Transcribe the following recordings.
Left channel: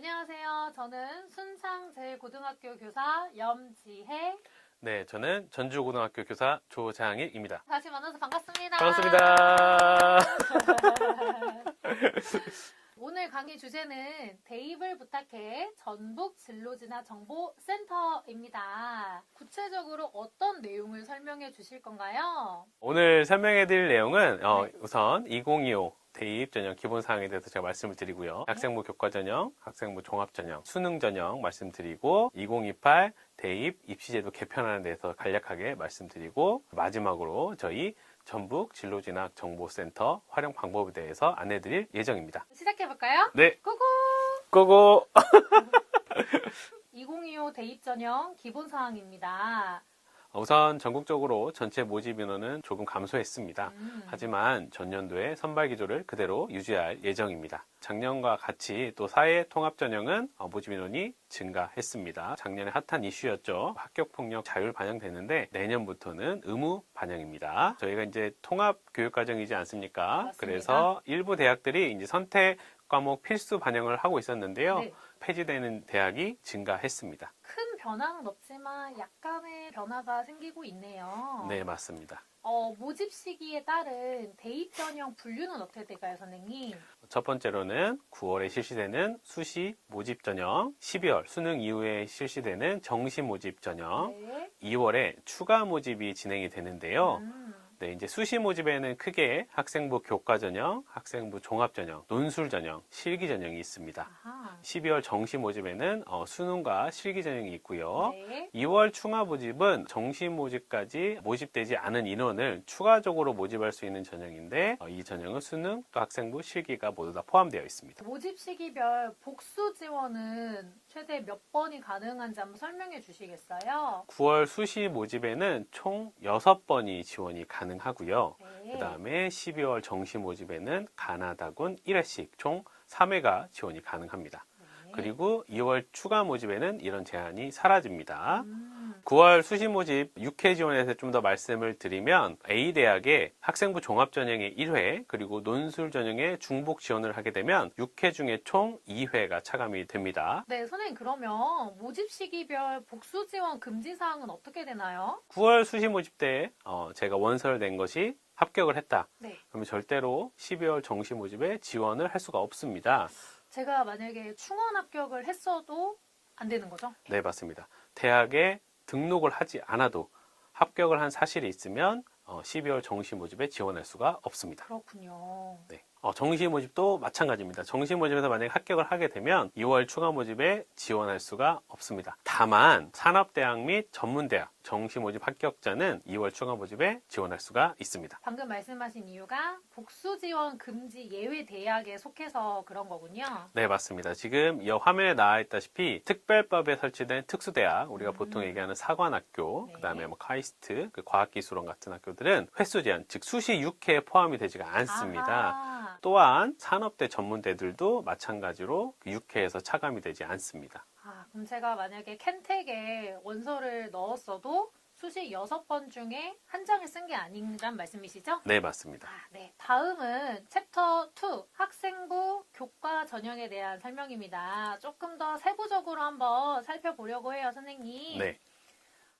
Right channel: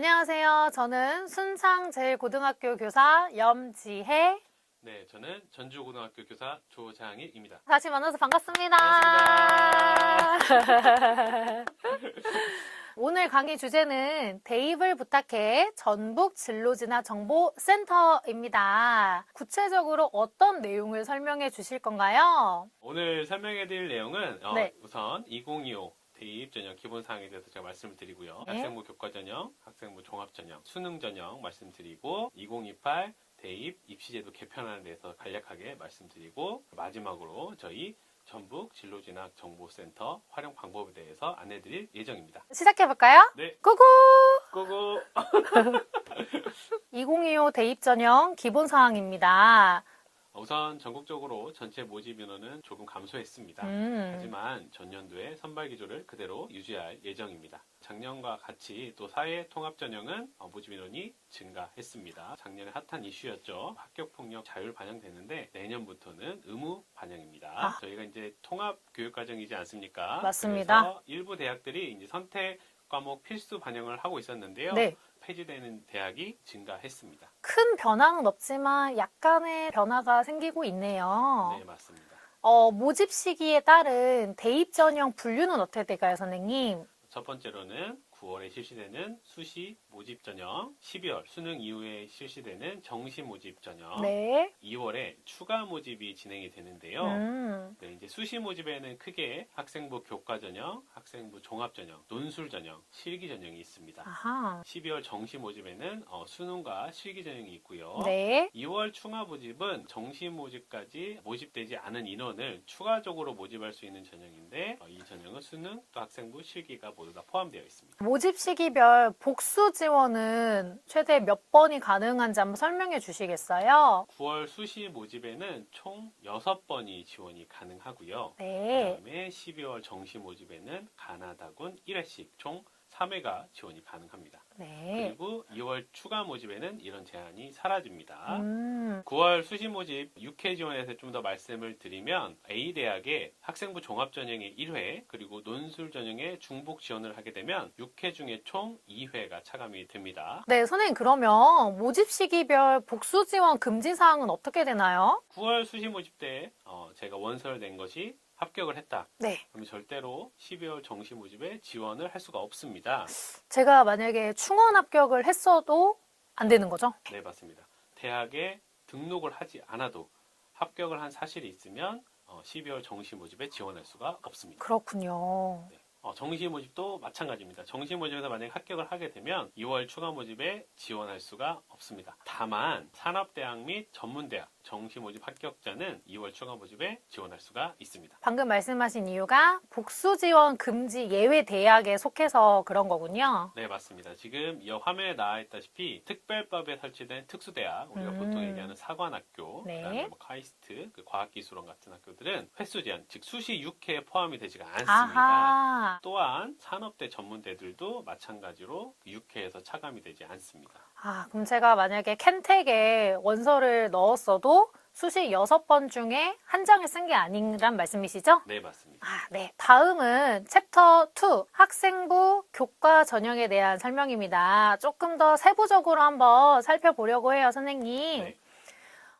안녕하세요. 저는 순창제일고등학교 교사 염지혜. 네, 저는 전주고등학교 교사 조장일입니다. 다시 만나서 반갑습니다. 반갑습니다. 오늘 강의 주제는 대입을 부탁해 전북 진로진학 정보센터입니다. 구체적으로 어떤 내용을 설명해 주실 건가요? 오늘 설명해드릴 내용은 네. 우선 2025 대입 전형 기본 사항에 대해서 제가 말씀을 드리고요. 네. 학생부 교과 전형, 학생부 종합 전형, 수능 전형 말씀드리고 2028 대입 입시제도 개편안에 대해서 간략하게 말씀드리고 마지막으로 저희 전북 진로진학 정보센터 활용 방법에 대해서 안내드릴 예정입니다. 시작해볼까요? 네, 고고! 고고! 2025 대입 전형 기본 사항입니다. 우선 전국적으로 전체 모집 인원은 조금 감소했습니다. 하지만 전년도의 선발 기조를 그대로 유지할 예정입니다. 작년과 같이 또 사회 통합 전형은 모집 인원이 증가했습니다. 작년에 핫한 이슈였죠. 합격폭력 자율 반영되는데 내년부터는 의무 반영입니다. 저희가 이제 통합 교육 과정이지 않습니까? 맞습니다. 그래서 일부 대학들이 이제 선택 과목 필수 반영을 하고 있었는데요. 네. 폐지되는 대학이 증가했습니다. 큰 변화는 없지만 약간의 변화가 생기고 있네요. 네, 맞습니다. 모집 시기에 따른 대입 전형 분류는 어떻게 될까요, 선생님? 첫 번째로는 9월에 실시되는 수시 모집 전형, 12월 수능 이후에 실시되는 정시 모집 전형, 네. 2월에 추가 모집이 진행이 되는데요. 네, 이제 수시 모집에는 크게 학생부 교과 전형, 학생부 종합 전형, 논술 전형, 실기 전형이 있습니다. 아하. 12월 정시 모집에는 수능과 실기 전형이 있고요. 네. 2월 추가 모집은 정시 모집까지 모집되지 않은 인원을 추가적으로 모집할 수 있는 전형인데 이 전형은 수능 또 학생부 실기가 모두 다 포함되어 있습니다. 모집 시기별 복수 지원은 최대 몇 번이 가능한지 한번 설명해 주시겠어요? 9월 수시 모집에는 총 6번이 지원이 가능하고요. 네. 그다음에 12월 정시 모집에는 가나다군 1회씩 총 3회가 지원이 가능합니다. 네. 그리고 2월 추가 모집에는 이런 제한이 사라집니다. 9월 수시 모집 6회 지원에서 좀 더 말씀을 드리면 A대학의 학생부 종합전형의 1회 그리고 논술 전형의 중복 지원을 하게 되면 6회 중에 총 2회가 차감이 됩니다. 네, 선생님 그러면 모집 시기별 복수 지원 금지 사항은 어떻게 되나요? 9월 수시 모집 때 제가 원서를 낸 것이 합격을 했다. 네. 그러면 절대로 12월 정시 모집에 지원을 할 수가 없습니다. 제가 만약에 충원 합격을 했어도 안 되는 거죠? 네, 맞습니다. 대학에 등록을 하지 않아도 합격을 한 사실이 있으면 12월 정시 모집에 지원할 수가 없습니다. 그렇군요. 네. 정시 모집도 마찬가지입니다. 정시 모집에서 만약에 합격을 하게 되면 2월 추가 모집에 지원할 수가 없습니다. 다만 산업대학 및 전문대학 정시 모집 합격자는 2월 추가 모집에 지원할 수가 있습니다. 방금 말씀하신 이유가 복수 지원 금지 예외 대학에 속해서 그런 거군요. 네, 맞습니다. 지금 이 화면에 나와 있다시피 특별법에 설치된 특수대학, 우리가 보통 얘기하는 사관학교, 네. 그다음에 카이스트, 과학기술원 같은 학교들은 횟수 제한, 즉 수시 6회에 포함이 되지가 않습니다. 아하. 또한 산업대 전문대들도 마찬가지로 6회에서 차감이 되지 않습니다. 그럼 제가 만약에 캔텍에 원서를 넣었어도 수시 6번 중에 한 장을 쓴 게 아니란 말씀이시죠? 네, 맞습니다. 네. 다음은 챕터 2 학생부 교과 전형에 대한 설명입니다. 조금 더 세부적으로 한번 살펴보려고 해요, 선생님. 네.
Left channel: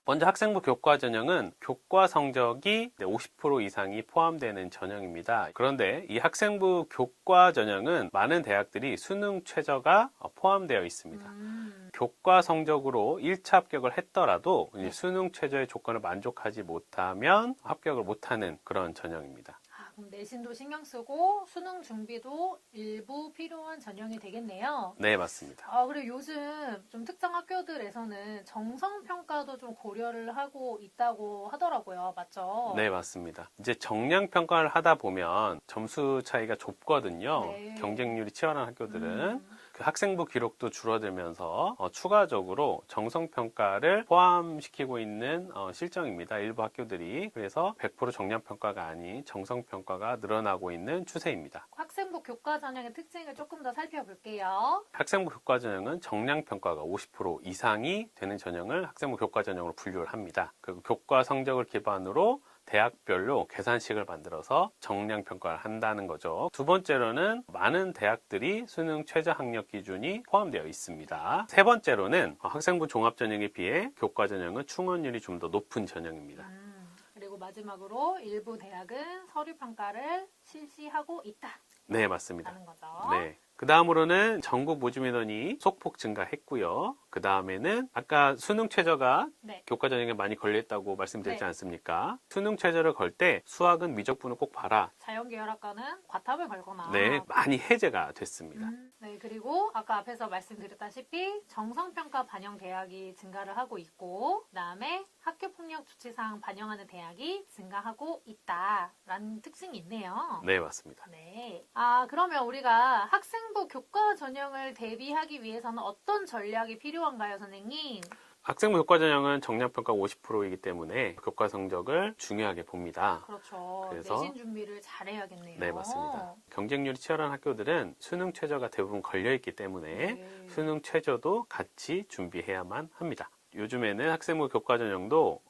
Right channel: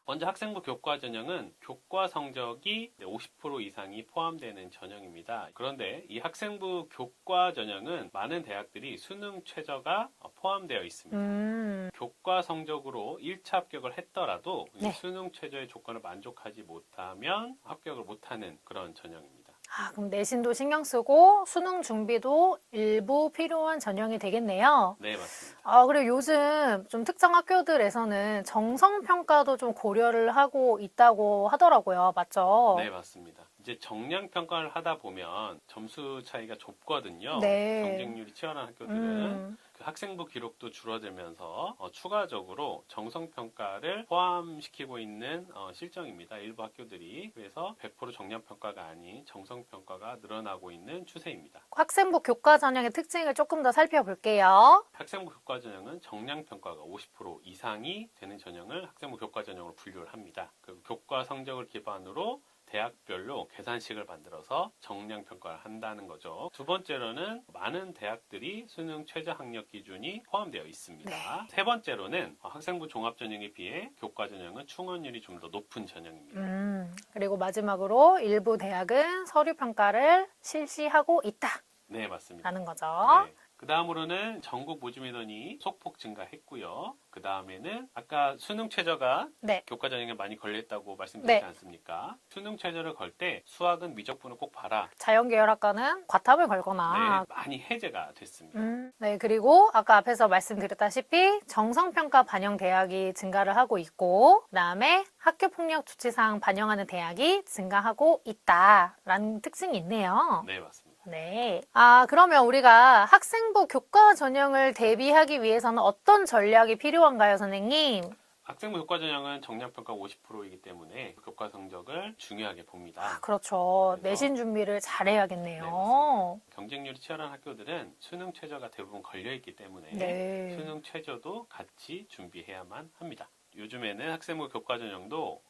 먼저 학생부 교과 전형은 교과 성적이 50% 이상이 포함되는 전형입니다. 그런데 이 학생부 교과 전형은 많은 대학들이 수능 최저가 포함되어 있습니다. 교과 성적으로 1차 합격을 했더라도 네. 수능 최저의 조건을 만족하지 못하면 합격을 못하는 그런 전형입니다. 그럼 내신도 신경 쓰고 수능 준비도 일부 필요한 전형이 되겠네요. 네, 맞습니다. 그리고 요즘 좀 특정 학교들에서는 정성평가도 좀 고려를 하고 있다고 하더라고요. 맞죠? 네, 맞습니다. 이제 정량평가를 하다 보면 점수 차이가 좁거든요. 네. 경쟁률이 치열한 학교들은. 그 학생부 기록도 줄어들면서 추가적으로 정성평가를 포함시키고 있는 실정입니다. 일부 학교들이. 그래서 100% 정량평가가 아닌 정성평가가 늘어나고 있는 추세입니다. 학생부 교과 전형의 특징을 조금 더 살펴볼게요. 학생부 교과 전형은 정량평가가 50% 이상이 되는 전형을 학생부 교과 전형으로 분류를 합니다. 그리고 교과 성적을 기반으로 대학별로 계산식을 만들어서 정량 평가를 한다는 거죠. 두 번째로는 많은 대학들이 수능 최저 학력 기준이 포함되어 있습니다. 세 번째로는 학생부 종합 전형에 비해 교과 전형은 충원율이 좀 더 높은 전형입니다. 그리고 마지막으로 일부 대학은 서류 평가를 실시하고 있다라는 네, 맞습니다. 거죠. 네. 그 다음으로는 전국 모집 인원이 소폭 증가했고요. 그 다음에는 아까 수능 최저가 네. 교과 전형에 많이 걸려있다고 말씀드렸지 네. 않습니까? 수능 최저를 걸 때 수학은 미적분을 꼭 봐라. 자연계열학과는 과탐을 걸거나 네, 많이 해제가 됐습니다. 네, 그리고 아까 앞에서 말씀드렸다시피 정성평가 반영 대학이 증가를 하고 있고 그다음에 학교폭력 조치사항 반영하는 대학이 증가하고 있다라는 특징이 있네요. 네, 맞습니다. 네. 그러면 우리가 학생부 교과 전형을 대비하기 위해서는 어떤 전략이 필요한가요, 선생님? 학생부 교과 전형은 정량평가 50%이기 때문에 교과 성적을 중요하게 봅니다. 그렇죠. 그래서- 내신 준비를 잘해야겠네요. 네, 맞습니다. 경쟁률이 치열한 학교들은 수능 최저가 대부분 걸려있기 때문에 네. 수능 최저도 같이 준비해야만 합니다. 요즘에는 학생부 교과 전형도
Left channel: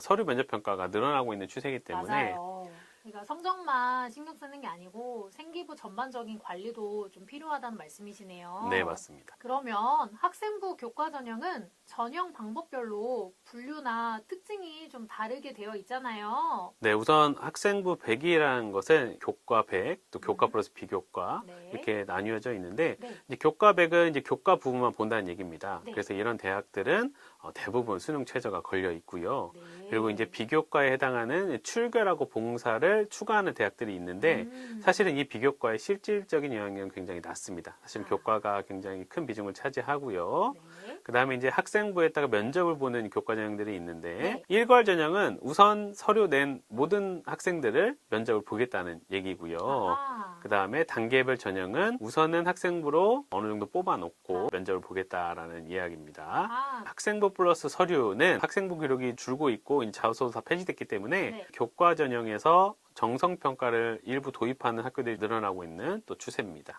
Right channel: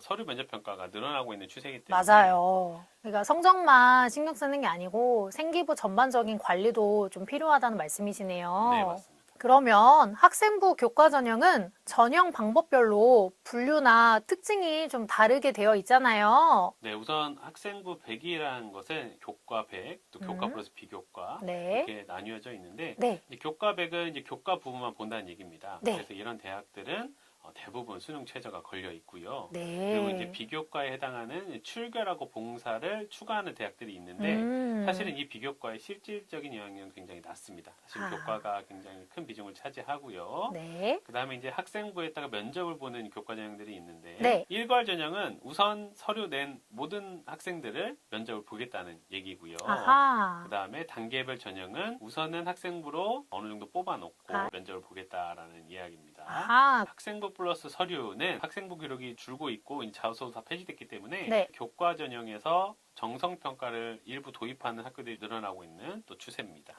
서류 면접 평가가 늘어나고 있는 추세이기 때문에 맞아요. 그러니까 성적만 신경 쓰는 게 아니고 생기부 전반적인 관리도 좀 필요하다는 말씀이시네요. 네, 맞습니다. 그러면 학생부 교과 전형은 전형 방법별로 분류나 특징이 좀 다르게 되어 있잖아요. 네, 우선 학생부 100이라는 것은 교과 100, 또 교과 플러스 비교과 네. 이렇게 나뉘어져 있는데 네. 이제 교과 100은 이제 교과 부분만 본다는 얘기입니다. 네. 그래서 이런 대학들은 대부분 수능 최저가 걸려 있고요. 네. 그리고 이제 비교과에 해당하는 출결하고 봉사를 추가하는 대학들이 있는데 사실은 이 비교과의 실질적인 영향은 굉장히 낮습니다. 사실 교과가 굉장히 큰 비중을 차지하고요. 네. 그 다음에 이제 학생부에다가 면접을 보는 교과 전형들이 있는데 네. 일괄 전형은 우선 서류 낸 모든 학생들을 면접을 보겠다는 얘기고요. 아하. 그 다음에 단계별 전형은 우선은 학생부로 어느 정도 뽑아놓고 면접을 보겠다라는 이야기입니다. 아하. 학생부 플러스 서류는 학생부 기록이 줄고 있고 이제 자소서도 다 폐지됐기 때문에 네. 교과 전형에서 정성평가를 일부 도입하는 학교들이 늘어나고 있는 또 추세입니다.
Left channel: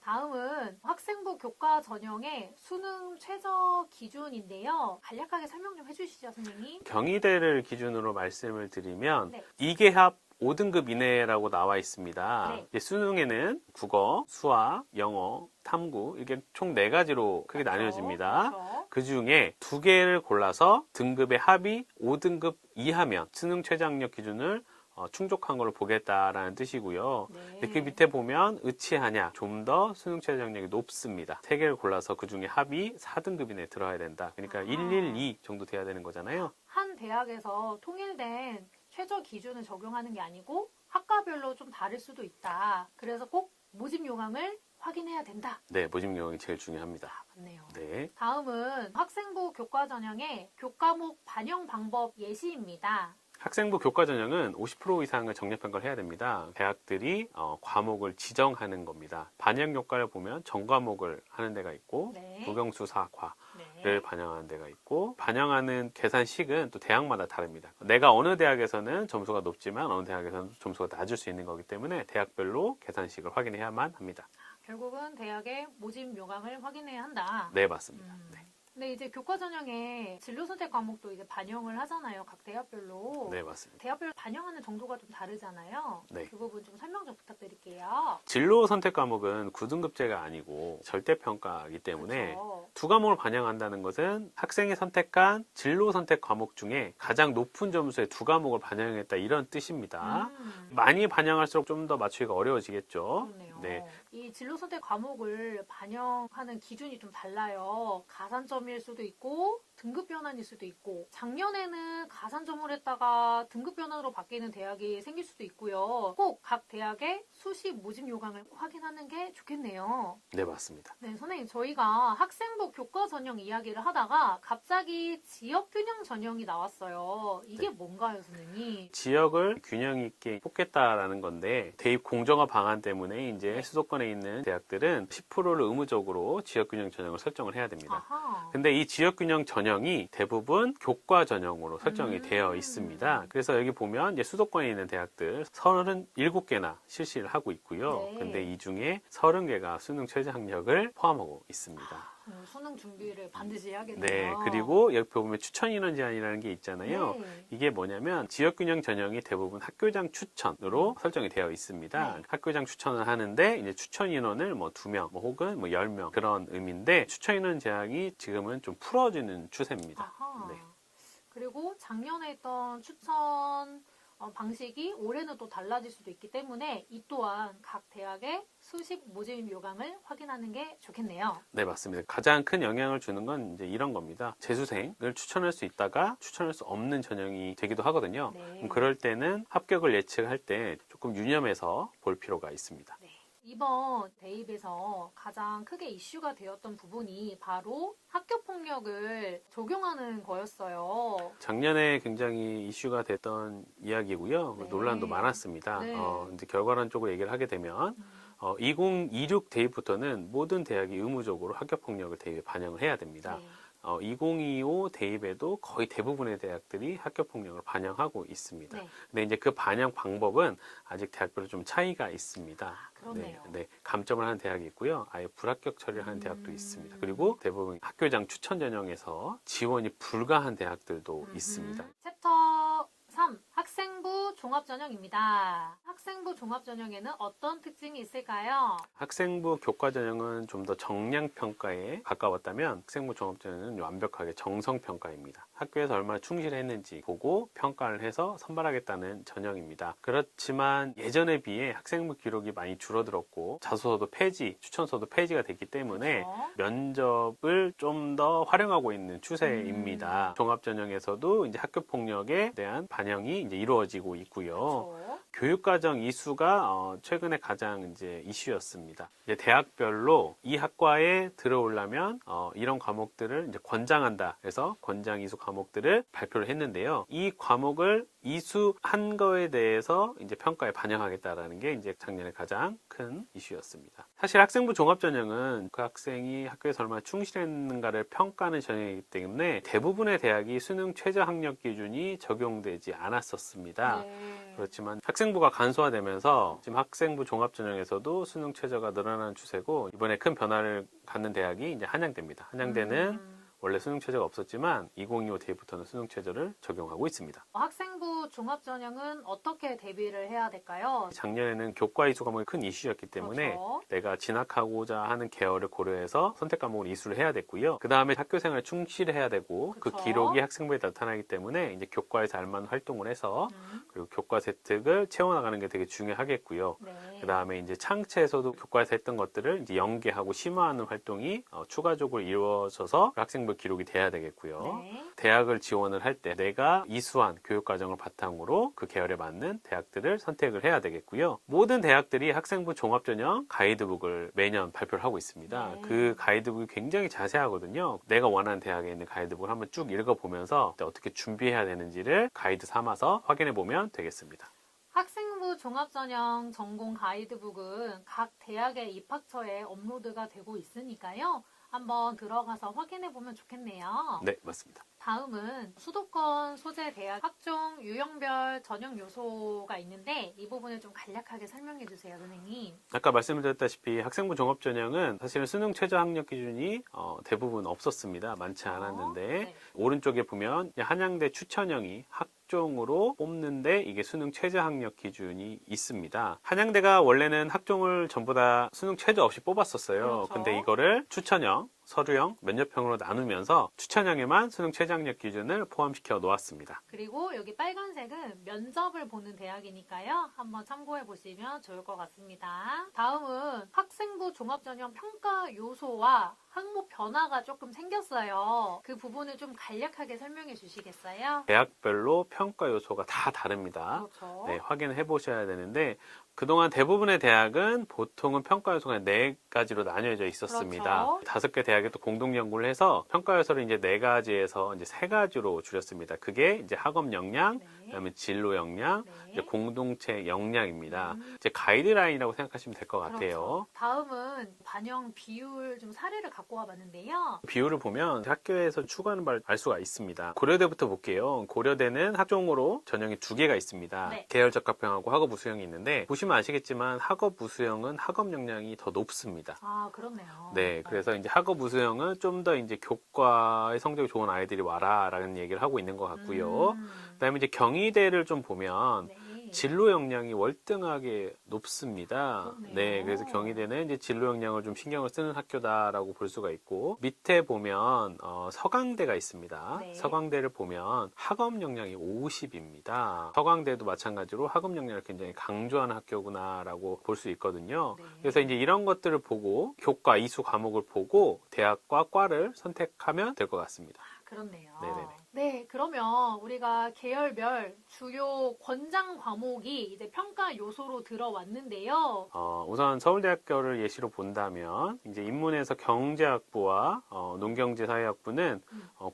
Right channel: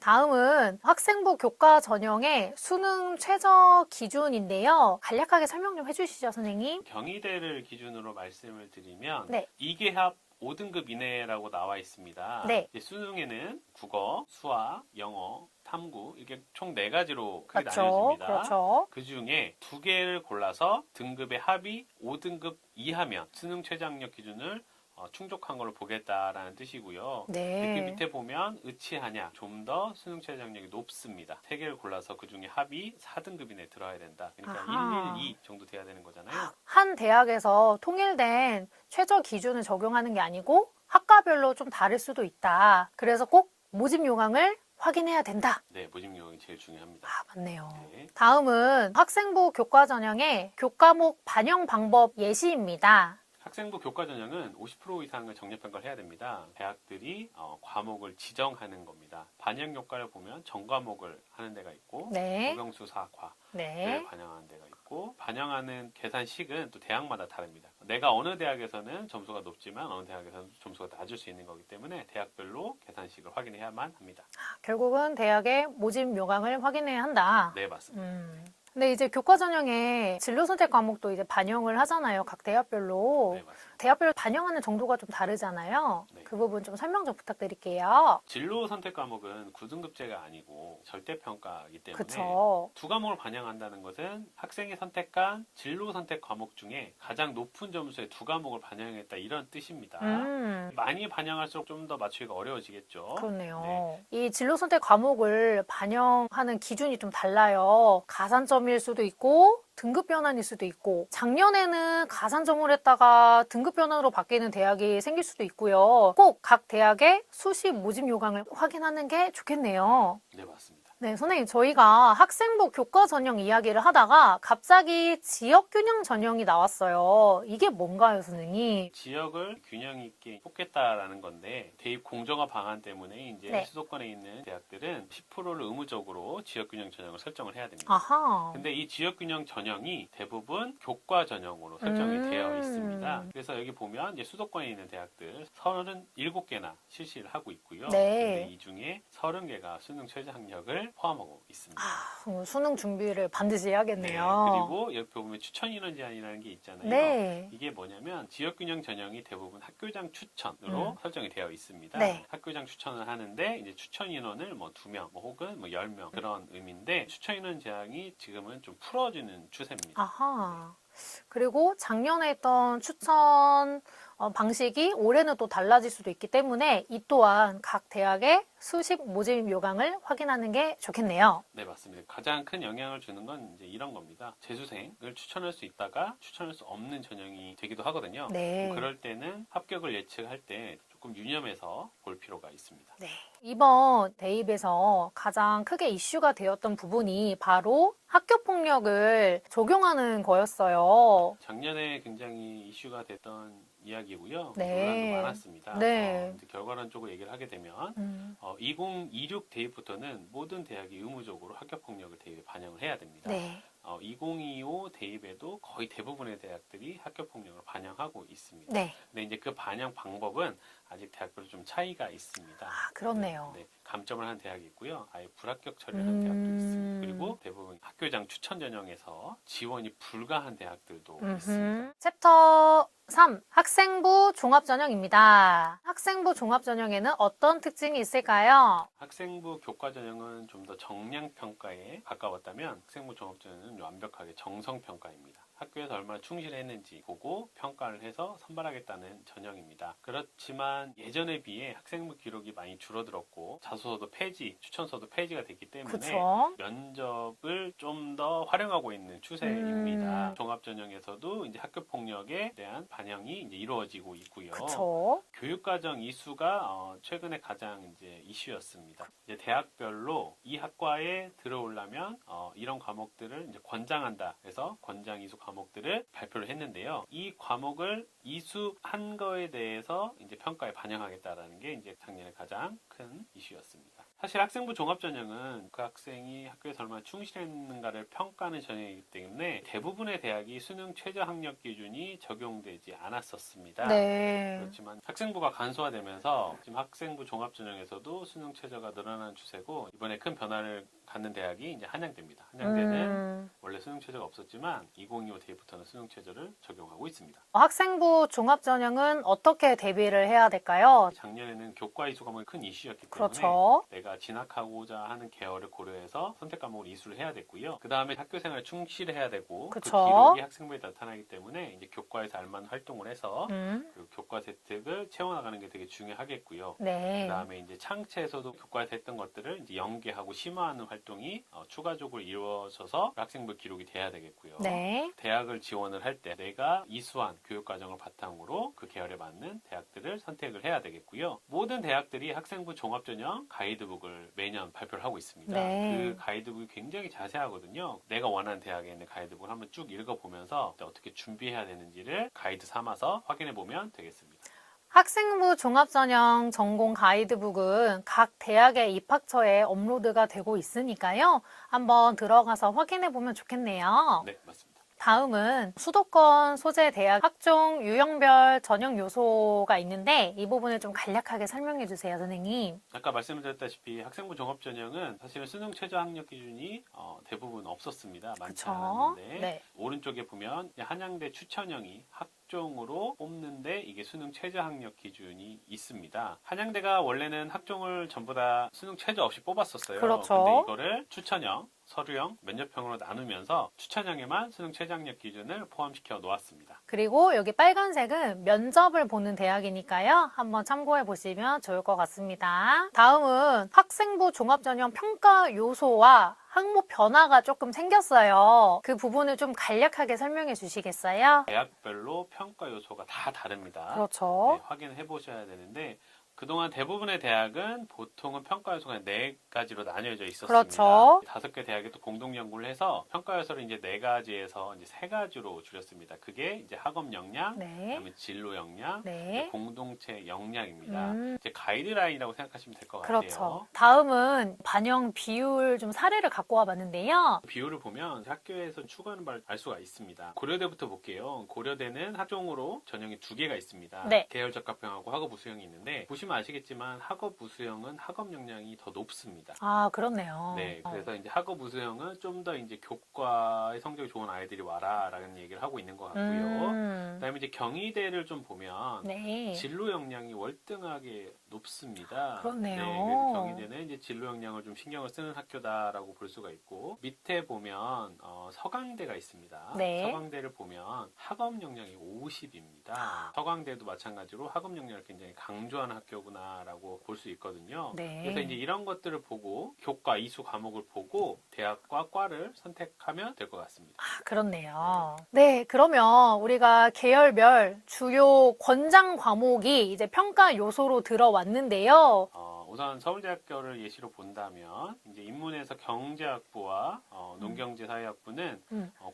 다음은 학생부 교과 전형의 수능 최저 기준인데요. 간략하게 설명 좀 해주시죠, 선생님. 경희대를 기준으로 말씀을 드리면 네. 2개합 5등급 이내라고 나와 있습니다. 네. 이제 수능에는 국어, 수학, 영어, 탐구 이게 총 4가지로 크게 그렇죠. 나뉘어집니다. 그렇죠. 그 중에 2개를 골라서 등급의 합이 5등급 이하면 수능 최저학력 기준을 충족한 걸로 보겠다라는 뜻이고요. 네. 이렇게 밑에 보면 의치하냐 좀 더 수능 최저학력이 높습니다. 3개를 골라서 그 중에 합이 4등급 이내에 들어야 된다. 그러니까 아하. 112 정도 돼야 되는 거잖아요. 한 대학에서 통일된 최저 기준을 적용하는 게 아니고 학과별로 좀 다를 수도 있다. 그래서 꼭 모집 요강을 확인해야 된다. 네, 모집 요강이 제일 중요합니다. 맞네요. 네. 다음은 학생부 교과 전형의 교과목 반영 방법 예시입니다. 학생부 교과 전형은 50% 이상을 정례평가를 해야 됩니다. 대학들이 과목을 지정하는 겁니다. 반영 효과를 보면 전과목을 하는 데가 있고 네. 고병수사과를 네. 반영하는 데가 있고 반영하는 계산식은 또 대학마다 다릅니다. 내가 어느 대학에서는 점수가 높지만 어느 대학에서는 점수가 낮을 수 있는 거기 때문에 대학별로 계산식을 확인해야만 합니다. 결국은 대학의 모집 요강을 확인해야 한다. 네, 맞습니다. 근데 이제 교과 전형에 진로 선택 과목도 이제 반영을 하잖아요. 각 대학별로. 네, 맞습니다. 대학별로 반영하는 정도가 좀 다르잖아요. 네. 그 부분 좀 설명 좀 부탁드릴게요. 진로 선택 과목은 9등급제가 아니고 절대평가이기 때문에 그렇죠. 두 과목을 반영한다는 것은 학생이 선택한 진로 선택 과목 중에 가장 높은 점수의 두 과목을 반영했다 이런 뜻입니다. 많이 반영할수록 좀 더 맞추기가 어려워지겠죠. 그렇네요. 네. 이 진로 선택 과목을 반영하는 기준이 좀 달라요. 가산점일 수도 있고 등급 변환일 수도 있고 작년에는 가산점을 했다가 등급 변환으로 바뀌는 대학이 생길 수도 있고요. 꼭 각 대학의 수시 모집 요강을 확인하는 게 좋겠네요. 네, 맞습니다. 네, 선생님 저희가 학생부 교과 전형 이야기를 하다가 갑자기 지역 균형 전형이 나왔어요. 이게 뭔가요, 선생님? 지역을 균형 있게 뽑겠다라는 건데 대입 공정화 방안 때문에 이제 네. 수도권에 있는 대학들은 10%를 의무적으로 지역 균형 전형을 설정을 해야 됩니다. 아하. 근데 이 지역 균형 전형 전형이 대부분 교과 전형으로 설정이 되어 있습니다. 그래서 여기 보면 이제 수도권에 있는 대학들 37개나 실시를 하고 있고요. 네. 근데 이 중에 30개가 수능 최저 학력을 포함하고 있습니다. 수능 준비를 반드시 해야겠네요. 네, 그리고 여기 보면 추천 인원 제한이라는 게 있잖아요. 네. 이게 뭐냐면 지역균형 전형이 대부분 학교장 추천으로 설정이 되어 있습니다. 네. 학교장 추천을 하는데 이제 추천 인원을 뭐 2명, 뭐 혹은 뭐 10명 그런 의미인데 추천 인원 제한이 지금은 좀 풀어지는 추세입니다. 아하. 그리고 작년에 했던 추천 방식이 올해는 또 달라질 수도 있기 때문에 이 또한 각 대학의 수식 모집 요강을 확인하는 게 좋겠네요. 네, 맞습니다. 가장 큰 영향을 주는 건 이제 이런 겁니다. 재수생을 추천할 수 있다가 추천할 수 없는 전형이 되기도 하거든요. 네. 그럴 때는 합격을 예측할 때 조금 유념해서 볼 필요가 있습니다. 네. 이번 대입에서 가장 크게 이슈가 되었던 부분이 바로 학교 폭력을 적용하는 거였어요. 작년에 굉장히 이슈가 됐던 이야기고요. 네. 논란도 많았습니다. 네. 이제 결과론적으로 얘기를 하게 되면 2026 대입부터는 모든 대학이 의무적으로 학교 폭력을 대입에 반영을 해야 됩니다. 네. 2025 대입에도 거의 대부분의 대학들이 학교 폭력을 반영하고 있습니다. 네. 근데 이제 그 반영 방법은 아직 대학별로 좀 차이가 있습니다. 아, 그렇네요. 네, 감점을 하는 대학이 있고요. 아예 불합격 처리를 하는 대학도 있습니다. 그리고 대부분 학교장 추천 전형에서 지원이 불가한 대학들도 있습니다. 챕터 3. 학생부 종합전형입니다. 학생부 종합전형에는 어떤 특징이 있을까요? 학생부 교과 전형은 좀 더 정량 평가에 가까웠다면 학생부 종합 전형은 완벽하게 정성 평가입니다. 학교에서 얼마나 충실했는지 보고 평가를 해서 선발하겠다는 전형입니다. 그렇지만 예전에 비해 학생부 기록이 많이 줄어들었고 자소서도 폐지, 추천서도 폐지가 됐기 때문에 그쵸? 면접을 좀 더 활용하고 있는 추세입니다. 종합 전형에서도 이제 학교 폭력에 대한 반영이 이제 이루어지고 있고요. 그쵸? 교육과정 이수가 최근에 가장 이제 이슈였습니다. 이제 대학별로 이 학과에 들어오려면 이런 과목들을 이제 권장한다. 그래서 권장 이수 과목들을 발표를 했는데요. 이 과목을 이수한 거에 대해서 이제 평가에 반영하겠다라는 게 이제 작년에 가장 큰 이슈였습니다. 사실 학생부 종합전형은 그 학생이 학교에서 얼마나 충실했는가를 평가하는 전형이기 때문에 대부분의 대학이 수능 최저 학력 기준이 적용되지 않았었습니다. 네. 그렇지만 학생부가 간소화되면서 지금 학생부 종합전형에서도 수능 최저가 늘어나는 추세고 이번에 큰 변화를 갖는 대학이 이제 한양대입니다. 한양대는 원래 수능 최저가 없었지만 2025 대입부터는 수능 최저를 적용하고 있습니다. 학생부 종합전형은 어떻게 대비를 해야 될까요? 작년에는 교과 이수 과목이 큰 이슈였기 때문에 그렇죠. 내가 진학하고자 하는 계열을 고려해서 선택 과목을 이수를 해야 됐고요. 그 다음에 학교 생활에 충실해야 되고 그 그쵸. 기록이 학생부에 나타나기 때문에 이제 교과에서 알만한 활동을 해서 그리고 교과 혜택을 채워나가는 게 되게 중요하겠고요. 네. 그 다음에 이제 창체에서도 교과에서 했던 것들을 이제 연계하고 심화하는 활동이 추가적으로 이루어져서 학생부 기록이 돼야 되겠고요. 네. 대학을 지원을 할 때 내가 이수한 교육과정을 바탕으로 그 계열에 맞는 대학들을 선택을 해야 되겠고요. 모든 대학들이 학생부 종합전형 가이드북을 매년 발표를 하고 있습니다. 네. 그 가이드북이 굉장히 자세하거든요. 내가 원하는 대학에 있는 가이드북을 한번 쭉 읽어보면서 어떻게 준비해야 되는지를 가이드 삼아서 확인해 보면 되겠습니다. 학생부 종합전형 전공 가이드북은 각 대학의 입학처에 업로드가 되고 있으니까요. 한번 들어가서 확인해 보면 좋겠네요. 네, 맞습니다. 다음은 수도권 소재 대학 학종 유형별 전형 요소가 있는데 이 부분을 좀 간략하게 설명해 주세요, 선생님. 아까 말씀드렸다시피 학생부 종합전형은 사실은 수능 최저 학력 기준이 대부분 없었습니다. 많지 않았는데 네. 오른쪽에 보면 한양대 추천형이 학종으로 뽑는데 이게 수능 최저 학력 기준이 있습니다. 한양대가 원래는 학종을 전부 다 수능 최저 없이 뽑았었어요. 그렇죠. 근데 이거를 추천형, 서류형, 면접형으로 나누면서 추천형에만 수능 최저 학력 기준을 포함시켜 놓았습니다. 그리고 여기 빨간색은 면접을 보는 대학이니까요. 한번 참고해 보시면 좋을 것 같습니다. 다음은 학생부 종합전형 평가 요소와 항목 변화가 조금 생겼어요. 그 부분을 좀 간략하게 설명해 주시겠어요? 대학별로 평가 요소가 다 다릅니다. 그렇죠. 네, 확인해 보셔야 되는데 그동안 대부분의 대학은 보통은 평가 요소가 4가지로 나뉘어져 있었습니다. 그렇죠. 5개 대학이 또 공동 연구를 해서 평가 요소를 이제 4가지에서 이제 3가지로 줄였습니다. 그게 이제 학업 역량, 네. 그다음에 진로 역량, 네. 이제 공동체 역량입니다. 음. 이제 가이드라인이라고 생각하시면 될 것 같아요. 그렇죠. 다음은 반영 비율 좀 사례를 갖고 와봤는데요. 비율을 보면 학교에서 추구하는 바를 알 수가 있습니다. 고려대부터 볼게요. 고려대는 학종으로 전형이 2개가 있습니다. 네. 계열 적합형하고 학업 우수형이 있는데 보시면 아시겠지만 학업 우수형은 학업 역량이 더 높습니다. 아, 그렇네요. 네, 그래서 이제 학업 우수형은 좀 더 이제 교과의 성적이 좋은 아이들이 와라라는 얘기를 하고 있는 것 같고요. 그다음에 이제 경희대를 좀 보면 네. 진로 역량이 월등하게 높습니다. 그렇네요. 네, 그래서 경희대는 이제 진로 역량을 좀 신경을 쓰는 학교다라고 볼 수가 있고 밑에 보면 서강대가 있습니다. 네. 서강대를 보면 학업 역량이 50입니다. 서강대도 마찬가지로 학업 역량을 굉장히 강조하는 학교구나라고 볼 수 있거든요. 네. 그래서 이제 이런 것들을 보고 교과 이수 과목을 보고 대학과 과를 선택하면 될 것 같습니다. 아, 그렇네요. 네, 그러면 우리가 계열별 주요 권장 과목이 이제 평가 요소로 들어왔는데요. 우선 서울대학교를 예시로 본다면 이제 인문에서 경제학부와 농경제사회학부는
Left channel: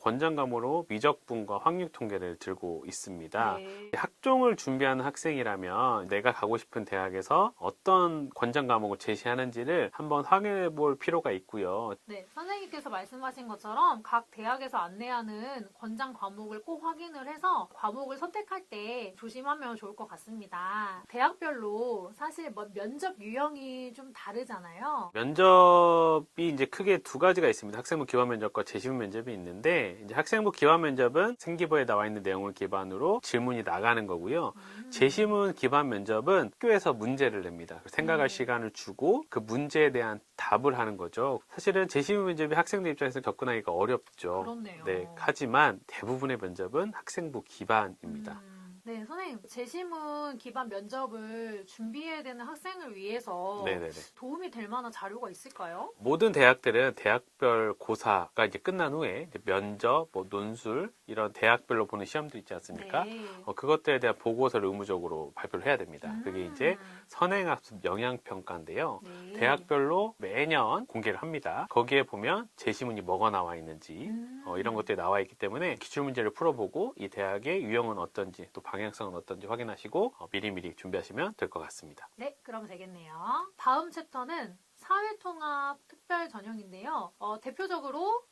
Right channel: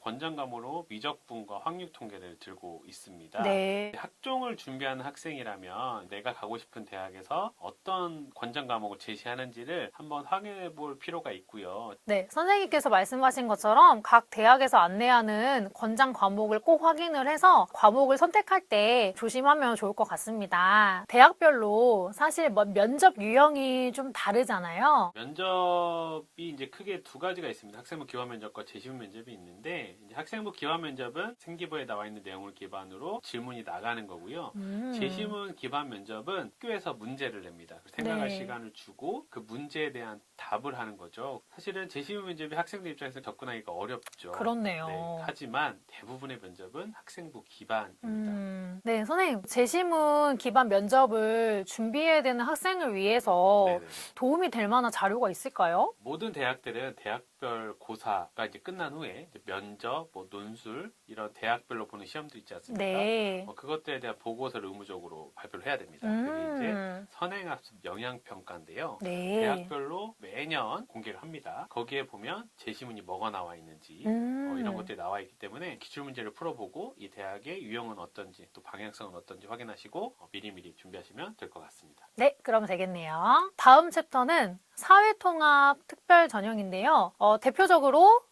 권장 과목으로 미적분과 확률 통계를 들고 있습니다. 네. 학종을 준비하는 학생이라면 내가 가고 싶은 대학에서 어떤 권장 과목을 제시하는지를 한번 확인해 볼 필요가 있고요. 네, 선생님께서 말씀하신 것처럼 각 대학에서 안내하는 권장 과목을 꼭 확인을 해서 과목을 선택할 때 조심하면 좋을 것 같습니다. 대학별로 사실 면접 유형이 좀 다르잖아요. 면접이 이제 크게 2가지가 있습니다. 학생부 기반 면접과 재시문 면접이 있는데 이제 학생부 기반 면접은 생기부에 나와 있는 내용을 기반으로 질문이 나가는 거고요. 재시문 기반 면접은 학교에서 문제를 냅니다. 생각할 네. 시간을 주고 그 문제에 대한 답을 하는 거죠. 사실은 재시문 면접이 학생들 입장에서 접근하기가 어렵죠. 그렇네요. 네, 하지만 대부분의 면접은 학생부 기반입니다. 네, 선생님, 재시문 기반 면접을 준비해야 되는 학생을 위해서 네네네. 도움이 될 만한 자료가 있을까요? 모든 대학들은 대학별 고사가 이제 끝난 후에 이제 면접, 논술 이런 대학별로 보는 시험도 있지 않습니까? 네. 그것들에 대한 보고서를 의무적으로 발표를 해야 됩니다. 그게 이제 선행학습 영향평가인데요. 네. 대학별로 매년 공개를 합니다. 거기에 보면 제시문이 뭐가 나와 있는지 이런 것들이 나와 있기 때문에 기출문제를 풀어보고 이 대학의 유형은 어떤지 또 방향성은 어떤지 확인하시고 미리미리 준비하시면 될 것 같습니다. 네, 그럼 되겠네요. 다음 챕터는 사회통합 특별 전형인데요. 대표적으로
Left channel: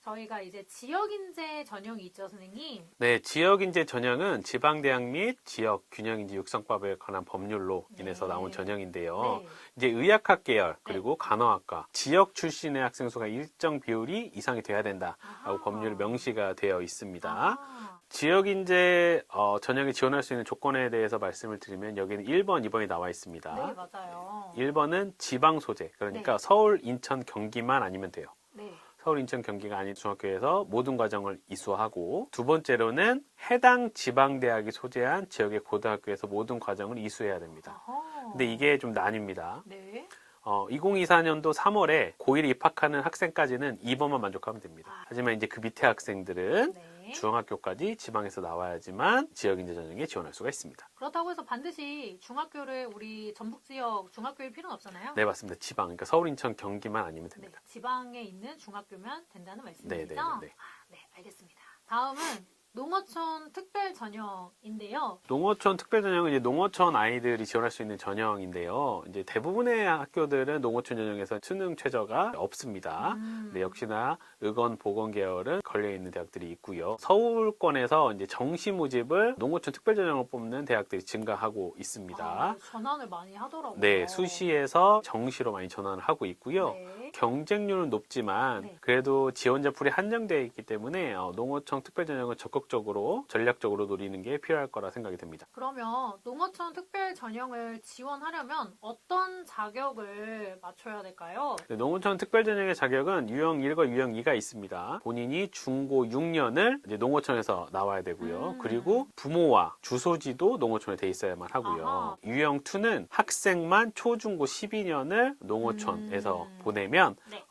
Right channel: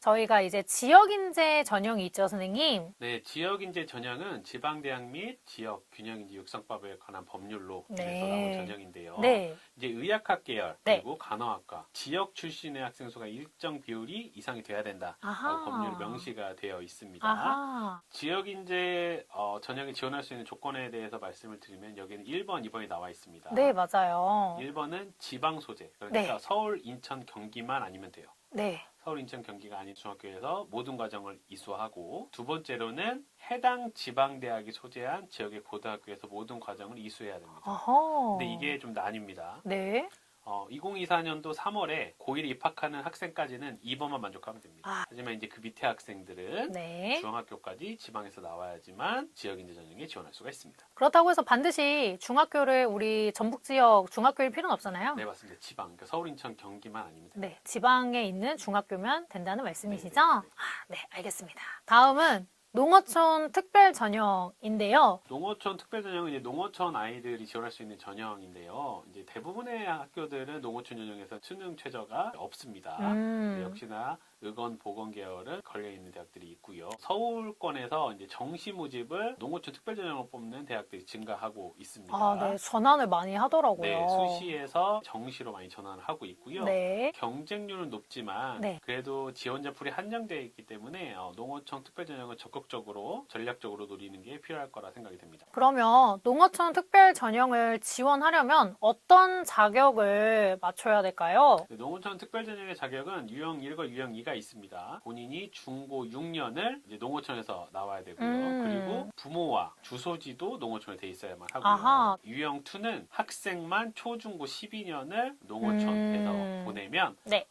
저희가 이제 지역인재 전형이 있죠, 선생님. 네, 지역인재 전형은 지방대학 및 지역 균형인재 육성법에 관한 법률로 인해서 나온 전형인데요. 네. 이제 의학학 계열 네. 그리고 간호학과 지역 출신의 학생 수가 일정 비율이 이상이 돼야 된다라고 아하. 법률 명시가 되어 있습니다. 아하. 지역인재 전형에 지원할 수 있는 조건에 대해서 말씀을 드리면 여기는 1번, 2번이 나와 있습니다. 네, 맞아요. 1번은 지방 소재, 그러니까 네. 서울, 인천, 경기만 아니면 돼요. 네. 서울, 인천, 경기가 아닌 중학교에서 모든 과정을 이수하고 두 번째로는 해당 지방대학이 소재한 지역의 고등학교에서 모든 과정을 이수해야 됩니다. 어허. 근데 이게 좀 나뉩니다. 네. 2024년도 3월에 고1에 입학하는 학생까지는 2번만 만족하면 됩니다. 하지만 이제 그 밑에 학생들은 네. 중학교까지 지방에서 나와야지만 지역인재 전형에 지원할 수가 있습니다. 그렇다고 해서 반드시 중학교를 우리 전북 지역 중학교일 필요는 없잖아요. 네, 맞습니다. 지방, 그러니까 서울, 인천, 경기만 아니면 됩니다. 네, 지방에 있는 중학교면 된다는 말씀이시죠? 네네네네. 네, 알겠습니다. 다음은 농어촌 특별 전형인데요. 농어촌 특별 전형은 이제 농어촌 아이들이 지원할 수 있는 전형인데요. 이제 대부분의 학교들은 농어촌 전형에서 수능 최저가 없습니다. 네, 역시나 의건, 보건 계열은 걸려 있는 대학들이 있고요. 서울권에서 이제 정시 모집을 농어촌 특별 전형을 뽑는 대학들이 증가하고 있습니다. 네, 전환을 많이 하더라고요. 네, 수시에서 정시로 많이 전환을 하고 있고요. 네. 경쟁률은 높지만 네. 그래도 지원자 풀이 한정되어 있기 때문에 농어촌 특별 전형을 적극적으로 전략적으로 노리는 게 필요할 거라 생각이 됩니다. 그러면 농어촌 특별 전형을 지원하려면 어떤 자격을 맞춰야 될까요? 네, 농어촌 특별 전형의 자격은 유형 1과 유형 2가 있습니다. 본인이 중고 6년을 이제 농어촌에서 나와야 되고요. 그리고 부모와 주소지도 농어촌에 돼 있어야만 하고요. 아하. 유형 2는 학생만 초중고 12년을 농어촌에서 보내면 네.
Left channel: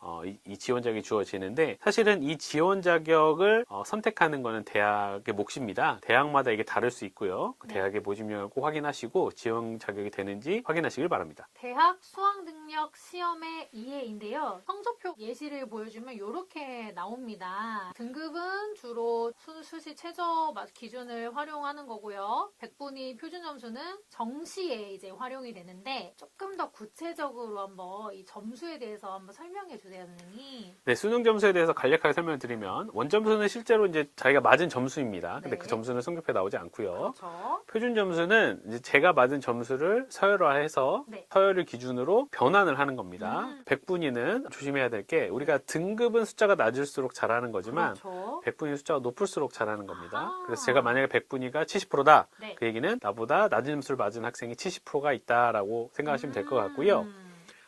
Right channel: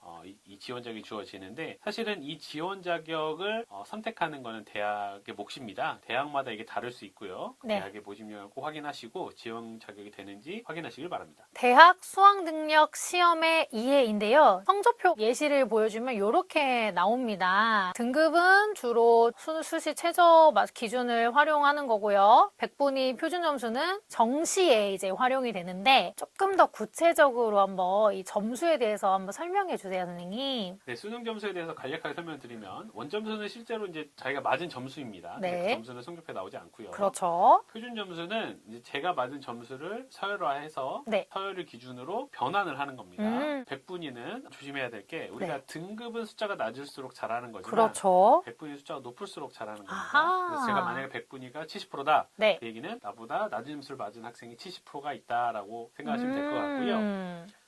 이 지원 자격이 주어지는데 사실은 이 지원 자격을 선택하는 거는 대학 대학의 몫입니다. 대학마다 이게 다를 수 있고요. 네. 대학의 모집력을 꼭 확인하시고 지원 자격이 되는지 확인하시길 바랍니다. 대학 수학 능력 시험의 이해인데요. 성적표 예시를 보여주면 이렇게 나옵니다. 등급은 주로 수시 최저 기준을 활용하는 거고요. 100분위 표준 점수는 정시에 이제 활용이 되는데 조금 더 구체적으로 한번 이 점수에 대해서 한번 설명해 주세요, 선생님. 네, 수능 점수에 대해서 간략하게 설명드리면 원점수는 실제로 이제 자기가 맞은 점수입니다. 근데 네. 그 점수는 성적표에 나오지 않고요. 그렇죠. 표준 점수는 이제 제가 맞은 점수를 서열화해서 네. 서열을 기준으로 변환을 하는 겁니다. 100분위는 조심해야 될 게 우리가 네. 등급은 숫자가 낮을수록 잘하는 거지만 그렇죠. 100분위 숫자가 높을수록 잘하는 겁니다. 아하. 그래서 제가 만약에 100분위가 70%다. 네. 그 얘기는 나보다 낮은 점수를 맞은 학생이 70%가 있다라고 생각하시면 될 것 같고요.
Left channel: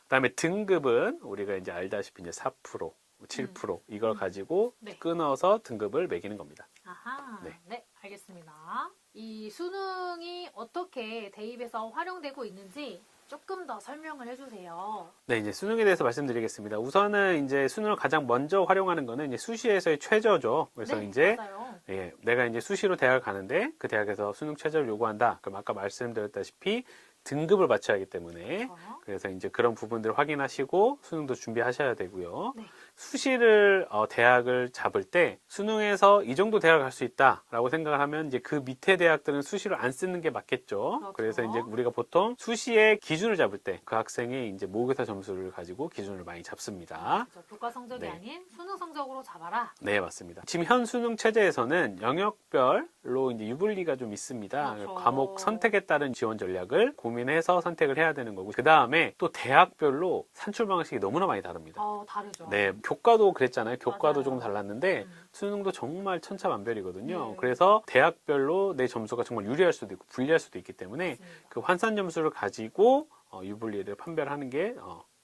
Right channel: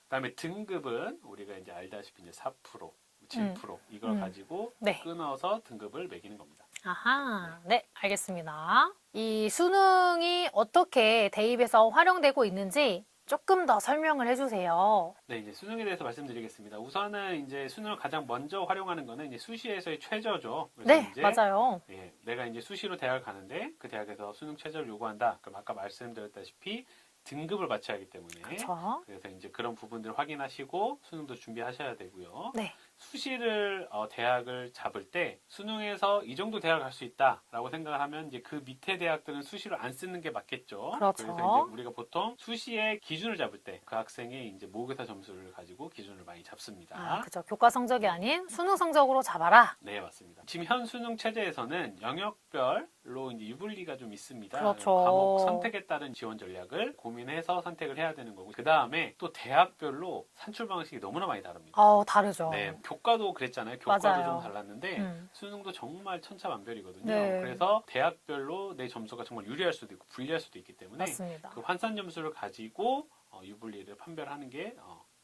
그다음에 등급은 우리가 이제 알다시피 이제 4%, 7% 이걸 가지고 네. 끊어서 등급을 매기는 겁니다. 아하, 네, 알겠습니다. 이 수능이 어떻게 대입에서 활용되고 있는지 조금 더 설명을 해주세요. 네, 이제 수능에 대해서 말씀드리겠습니다. 우선은 이제 수능을 가장 먼저 활용하는 거는 이제 수시에서의 최저죠. 그래서 네, 이제 맞아요. 내가 이제 수시로 대학을 가는데 그 대학에서 수능 최저를 요구한다. 그럼 아까 말씀드렸다시피 등급을 맞춰야 하기 때문에 그렇죠. 그래서 이제 그런 부분들을 확인하시고 수능도 준비하셔야 되고요. 네. 수시를 대학을 잡을 때 수능에서 이 정도 대학을 갈 수 있다라고 생각을 하면 이제 그 밑에 대학들은 수시를 안 쓰는 게 맞겠죠. 그렇죠. 그래서 이제 우리가 보통 수시의 기준을 잡을 때 그 학생이 이제 모의고사 점수를 가지고 기준을 많이 잡습니다. 그렇죠. 교과 성적이 네. 아닌 수능 성적으로 잡아라. 네, 맞습니다. 지금 현 수능 체제에서는 영역별로 이제 유불리가 좀 있습니다. 그렇죠. 과목 선택에 따른 지원 전략을 고민해서 선택을 해야 되는 거고, 그 다음에 또 대학별로 산출 방식이 너무나 많이 다릅니다. 다르죠. 네, 교과도 그랬잖아요. 교과도 맞아요. 조금 달랐는데 음. 수능도 정말 천차만별이거든요. 네. 그래서 대학별로 내 점수가 정말 유리할 수도 있고 불리할 수도 있기 때문에 맞습니다. 그 환산 점수를 가지고 유불리를 판별하는 게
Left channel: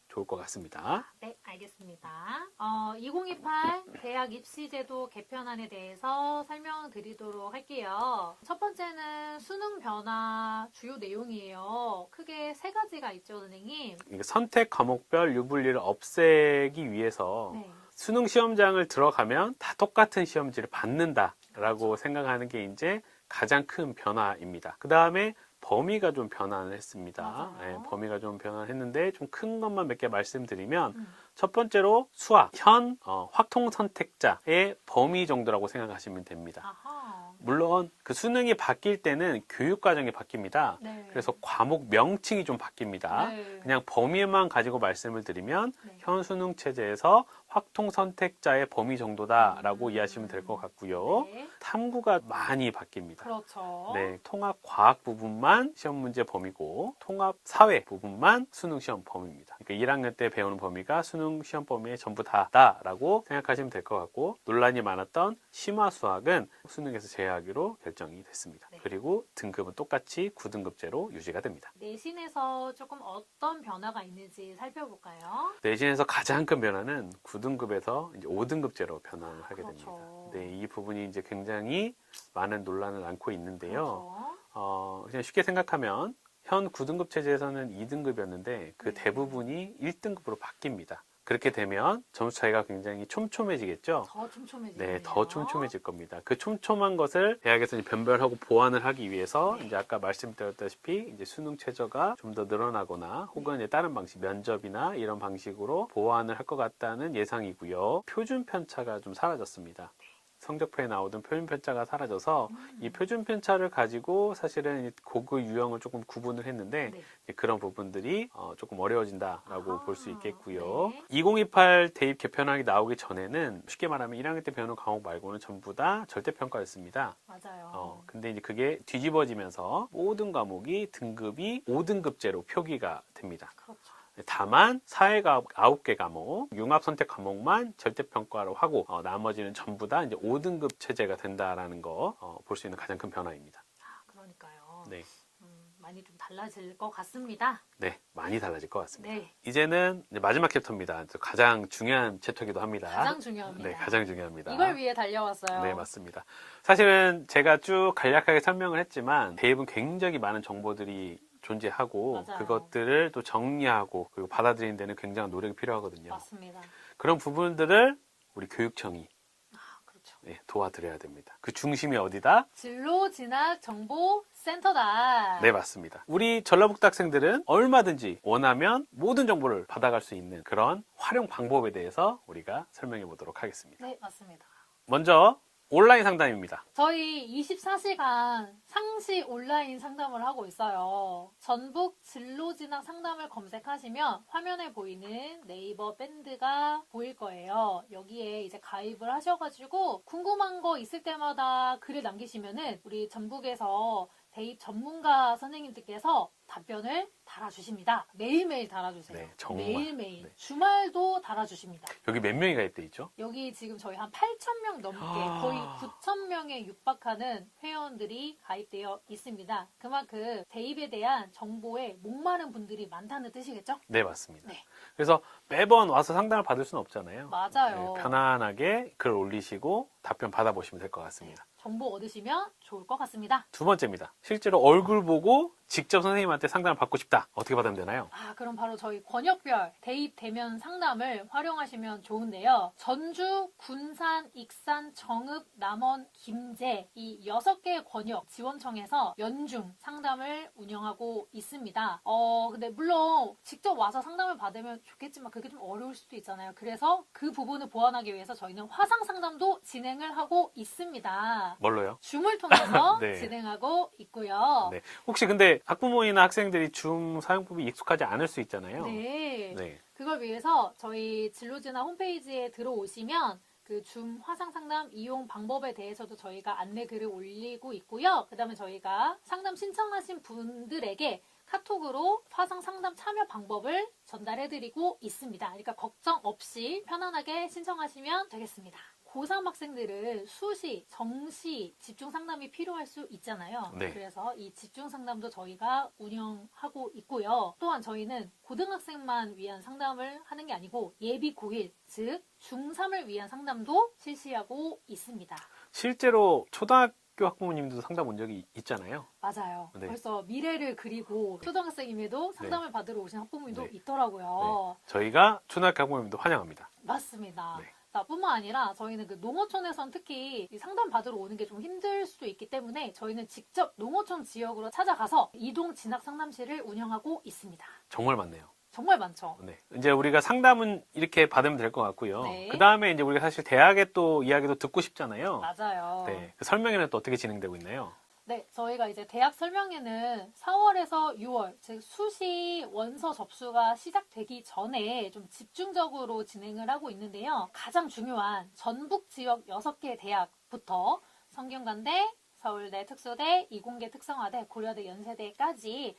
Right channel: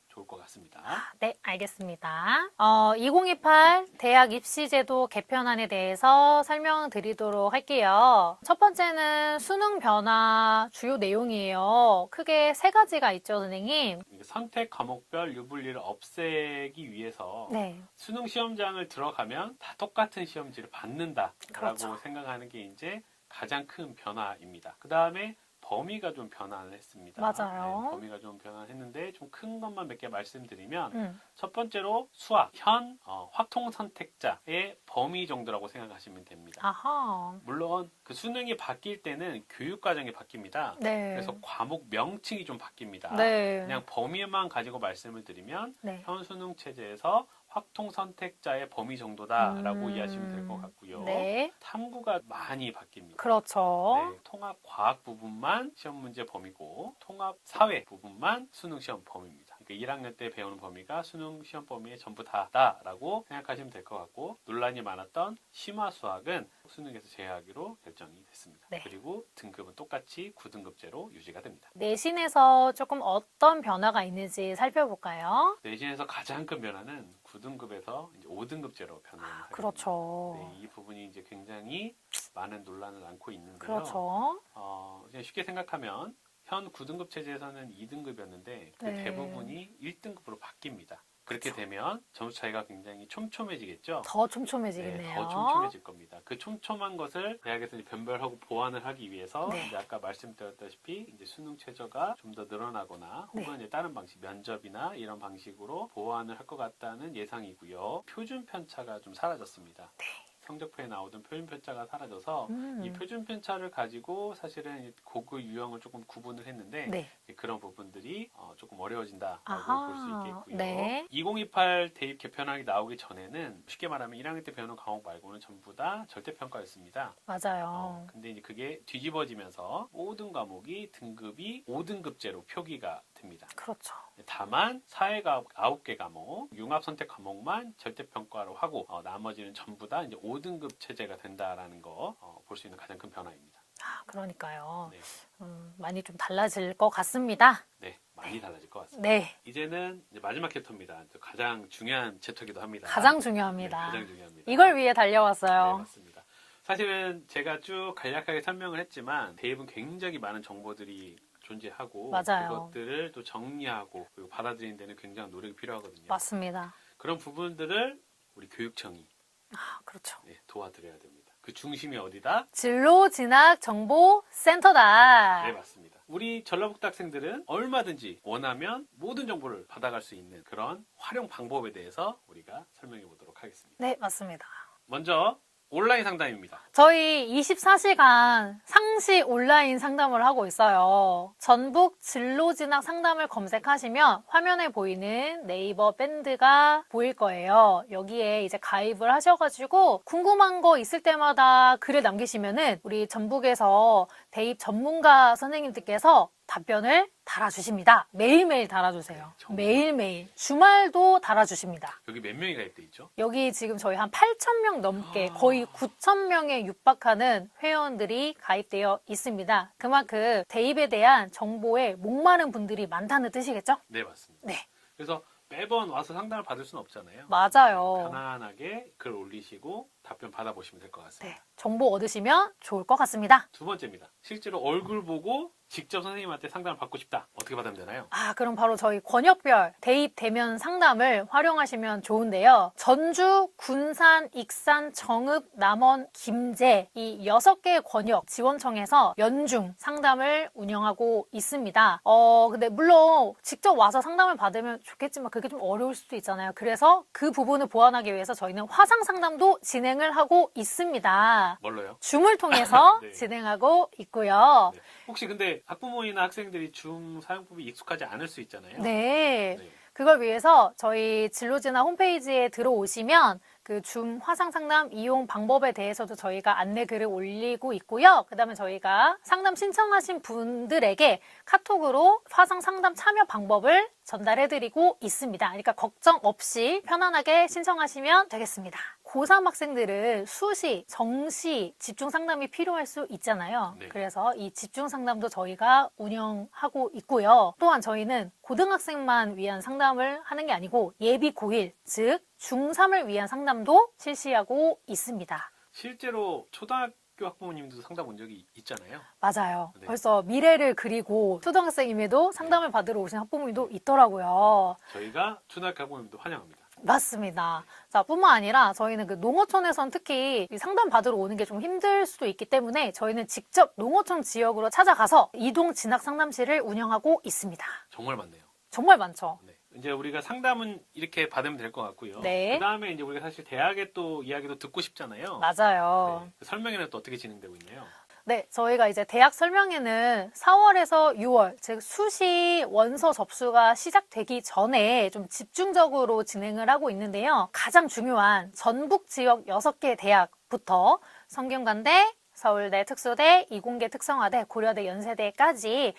좋을 것 같습니다. 네, 알겠습니다. 2028 대학 입시제도 개편안에 대해서 설명드리도록 할게요. 첫 번째는 수능 변화 주요 내용이에요. 크게 세 가지가 있죠, 선생님. 이게 선택 과목별 유불리를 없애기 위해서 네. 수능 시험장을 들어가면 다 똑같은 시험지를 받는다라고 그렇죠. 생각하는 게 이제 가장 큰 변화입니다. 그 다음에 범위가 좀 변화를 했습니다. 맞아요. 네, 범위가 좀 변화를 했는데 좀 큰 것만 몇 개 말씀드리면 음. 첫 번째로 수학, 현 확통 선택자의 범위 정도라고 생각하시면 됩니다. 아하. 물론 그 수능이 바뀔 때는 교육 과정이 바뀝니다. 네. 그래서 과목 명칭이 좀 바뀝니다. 네. 그냥 범위만 가지고 말씀을 드리면 네. 현 수능 체제에서 확통 선택자의 범위 정도다라고 이해하시면 될 것 같고요. 네. 탐구가 많이 바뀝니다. 그렇죠. 네, 통합 과학 부분만 시험 문제 범위고 통합 사회 부분만 수능 시험 범위입니다. 그러니까 1학년 때 배우는 범위가 수능 시험 범위의 전부 다라고 생각하시면 될 것 같고 논란이 많았던 심화 수학은 수능에서 제외하기로 결정이 됐습니다. 네. 그리고 등급은 똑같이 9등급제로 유지가 됩니다. 내신에서 조금 어떤 변화가 있는지 살펴볼까요? 내신에서 가장 큰 변화는 9등급에서 이제 5등급제로 변화를 하게 그렇죠. 됩니다. 네, 이 부분이 이제 굉장히 많은 논란을 안고 있는데요. 그렇죠. 그냥 쉽게 생각하면 현 9등급 체제에서는 2등급이었는데 그 네. 대부분이 1등급으로 바뀝니다. 그렇게 되면 점수 차이가 굉장히 촘촘해지겠죠? 더 촘촘해지겠네요. 네, 더 촘촘해질 겁니다. 그 촘촘한 것을 대학에서 이제 변별하고 보완을 하기 위해서 네. 이제 아까 말씀드렸다시피 이제 수능 최저가 좀 더 늘어나거나 혹은 이제 다른 방식 면접이나 이런 방식으로 보완을 할 것 같다는 예상이고요. 표준 편차가 좀 사라졌습니다. 네. 성적표에 나오던 표준 편차가 사라져서 이 표준 편차를 가지고 사실은 고급 유형을 조금 구분을 했는데 네. 그런 부분들이 조금 어려워진다라고 아하. 볼 수 있겠고요. 네. 2028 대입 개편안이 나오기 전에는 쉽게 말하면 1학년 때 배우는 과목 말고는 전부 다 절대평가였습니다. 맞아요. 근데 이제 그게 뒤집어지면서 모든 과목이 등급이 5등급제로 표기가 됩니다. 그렇죠. 다만 사회과학 9개 과목, 융합 선택 과목만 절대평가로 하고 나머지는 전부 다 이제 5등급 체제가 된다라는 거 볼 수 있는 가장 큰 변화입니다. 그러니까요. 네. 많이 좀 달라질 것 같습니다. 네, 많이 달라질 것 같습니다. 네. 이제는 이제 마지막 챕터입니다. 가장 중요한 챕터이기도 합니다. 가장 중요합니다. 네, 가장 중요합니다. 이걸 위해 달려왔어요. 네, 맞습니다. 사실은 제가 쭉 간략하게 설명을 했지만 대입은 굉장히 많은 정보들이 존재하고 맞아요. 그것들을 또 정리하고 그리고 받아들이는 데는 굉장한 노력이 필요하거든요. 맞습니다. 그런 부분들을 우리 교육청이 그렇죠. 네, 도와드려야 됩니다. 그 중심이 어디다? 진로 진학 정보 센터다. 네, 맞습니다. 우리 전라북도 학생들은 얼마든지 원하면 모든 정보를 받아갈 수 있는 그런 활용 방법에 대해서 우리가 설명해 보도록 하겠습니다. 네, 맞습니다. 먼저 온라인 상담입니다. 저희 24시간 상시 온라인 상담을 하고 있어요. 전북 진로진학 상담을 검색하시면 화면에 보이는 네이버 밴드가 보일 거예요. 여기에 이제 가입을 하셔가지고 궁금한 거 있을 때마다 글을 남기시면은 우리 전북에서 대입 전문가 선생님들께서 답변을 달아주십니다. 매일매일 달아주세요. 네, 정말. 매일매일. 네. 주말도 달아주십니다. 여기 몇 명이 가입돼 있죠? 여기 지금 저희 한 8,000명 넘게 거의 9,000명에 육박하는 회원들이 가입되어 있습니다. 그만큼 대입에 대한 정보에 목마른 분들이 많다는 뜻이겠죠? 네, 맞습니다. 네. 그래서 매번 와서 상담을 받을 수는 없잖아요. 맞아요. 네, 편안하게 글 올리시고 답변 받아보시면 될 것 네, 같습니다. 정보 얻으시면 좋을 것 같습니다. 두 번째입니다. 실제로 얼굴 보고 직접 선생님한테 상담을 받고 싶다. 어떻게 받으면 되나요? 그럼 바로 저희 권역별 대입 대면 상담을 활용하시면 좋은데요. 전주, 군산, 익산, 정읍, 남원, 김제 이 6개의 권역 지원청에서 연중 상담을 운영하고 있습니다. 근데 물론 직접 와서 상담을 받으면 좋겠지만 그게 좀 어려울 수도 있잖아요. 그래서 그 부분을 보완하기 위해서 저희는 화상 상담도 진행을 하고 있습니다. 뭘로요? 줌을 통해서 네. 진행하고 있고요. 네. 혹시 근데 학부모이나 학생들이 줌 사용법이 익숙하지 않을 수 있잖아요. 네. 네. 그걸 위해서 저희 진로진학 홈페이지에 들어오시면 그 줌 화상 상담 이용 방법에 대해서도 저희가 안내 글을 올리고 있고요. 그다음에 저희가 상담 신청하신 분들에게 카톡으로 화상 상담 참여 방법을 전달해드리고 있습니다. 그러니까 걱정 없이 편안하게 신청하시면 되겠습니다. 고3 학생들은 수시, 정시 집중 상담이 필요할 수 있잖아요. 네. 그래서 이 집중 상담도 저희가 운영하고 있고요. 또한 저희는 고등학생만 위한 상담을 하는 게 아니고 예비 고1, 즉 중3을 위한 상담도 실시하고 있습니다. 실제로 초등학교 학부모님도 상담 온 적이 있잖아요. 맞아요. 네. 벌써 미래를 그리고 초등학생임에도 상담을 받으러 오신 학부모님도 네. 있더라고요. 저희가 초등학교 학부모님도 환영합니다. 맞습니다. 네. 자, 뿐만 아니라 저희는 그 농어촌에선 특히 이 상담 받으러 오는 게 좀 힘들 수도 있기 때문에 저희는 직접 농어촌 지역으로 찾아가서 이동 진학 상담실을 운영하고 있습니다. 정말 많네요. 정말 많죠. 네. 이제 우리가 상담은 이렇게 받으면 될 것 같고요. 네. 그 다음에 이제 우리가 사실 대학의 또 이야기도 듣고 싶잖아요. 맞아요. 네. 그 설명회는 또 어떻게 진행되고 있나요? 네, 저희가 이제 대학 설명회는 4월에서 6월, 즉 수시 원서 접수가 시작되기 전에 좀 집중적으로 진행을 하고 있는데요. 가장 중요한 전북 지역 6개 대학부터 성균관대, 서울대 특수대, 이공계 특성화대, 고려대, 연세대까지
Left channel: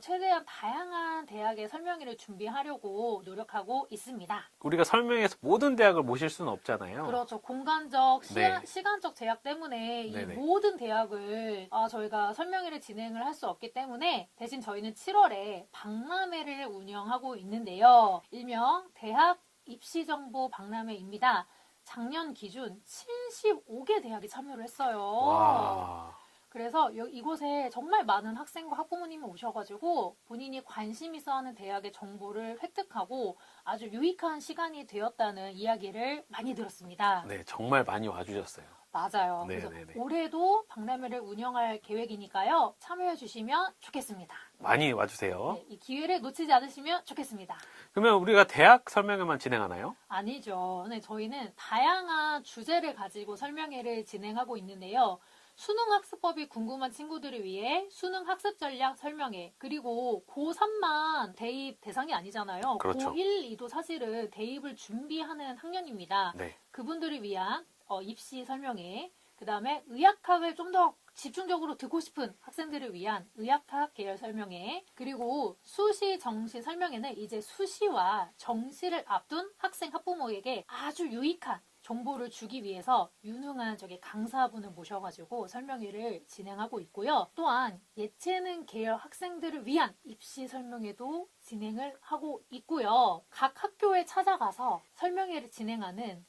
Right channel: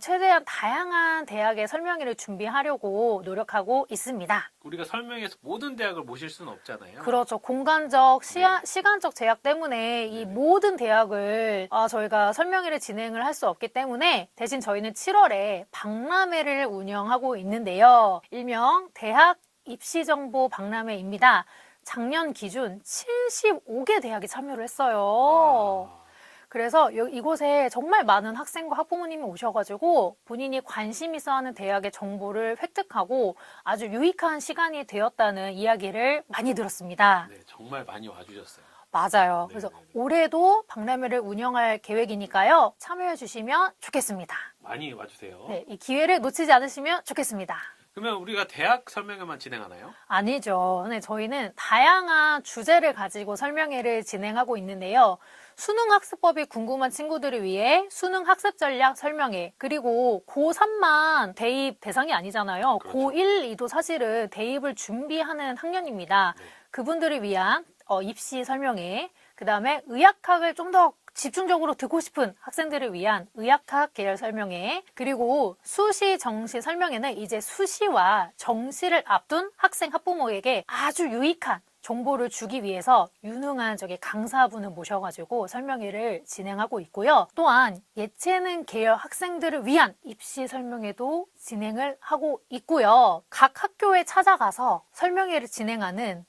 최대한 다양한 대학의 설명회를 준비하려고 노력하고 있습니다. 우리가 설명회에서 모든 대학을 모실 수는 없잖아요. 그렇죠. 공간적, 네. 시간적 제약 때문에 이 네네. 모든 대학을 저희가 설명회를 진행을 할 수 없기 때문에 대신 저희는 7월에 박람회를 운영하고 있는데요. 일명 대학 입시정보 박람회입니다. 작년 기준 75개 대학이 참여를 했어요. 와. 그래서 이곳에 정말 많은 학생과 학부모님이 오셔가지고 본인이 관심 있어 하는 대학의 정보를 획득하고 아주 유익한 시간이 되었다는 이야기를 많이 들었습니다. 네, 정말 많이 와주셨어요. 맞아요. 네, 그래서 네, 네. 올해도 박람회를 운영할 계획이니까요. 참여해 주시면 좋겠습니다. 많이 와주세요. 네, 이 기회를 놓치지 않으시면 좋겠습니다. 그러면 우리가 대학 설명회만 진행하나요? 아니죠. 네, 저희는 다양한 주제를 가지고 설명회를 진행하고 있는데요. 수능학습법이 궁금한 친구들을 위해 수능학습 전략 설명회, 그리고 고3만 대입 대상이 아니잖아요. 그렇죠. 고1, 2도 사실은 대입을 준비하는 학년입니다. 네. 그분들을 위한 입시 설명회, 그 다음에 의학학을 좀 더 집중적으로 듣고 싶은 학생들을 위한 의학학 계열 설명회, 그리고 수시, 정시 설명회는 이제 수시와 정시를 앞둔 학생, 학부모에게 아주 유익한 정보를 주기 위해서 유능한 강사분을 모셔가지고 설명회를 진행하고 있고요. 또한 예체능 계열 학생들을 위한 입시 설명회도 진행을 하고 있고요. 각 학교에 찾아가서 설명회를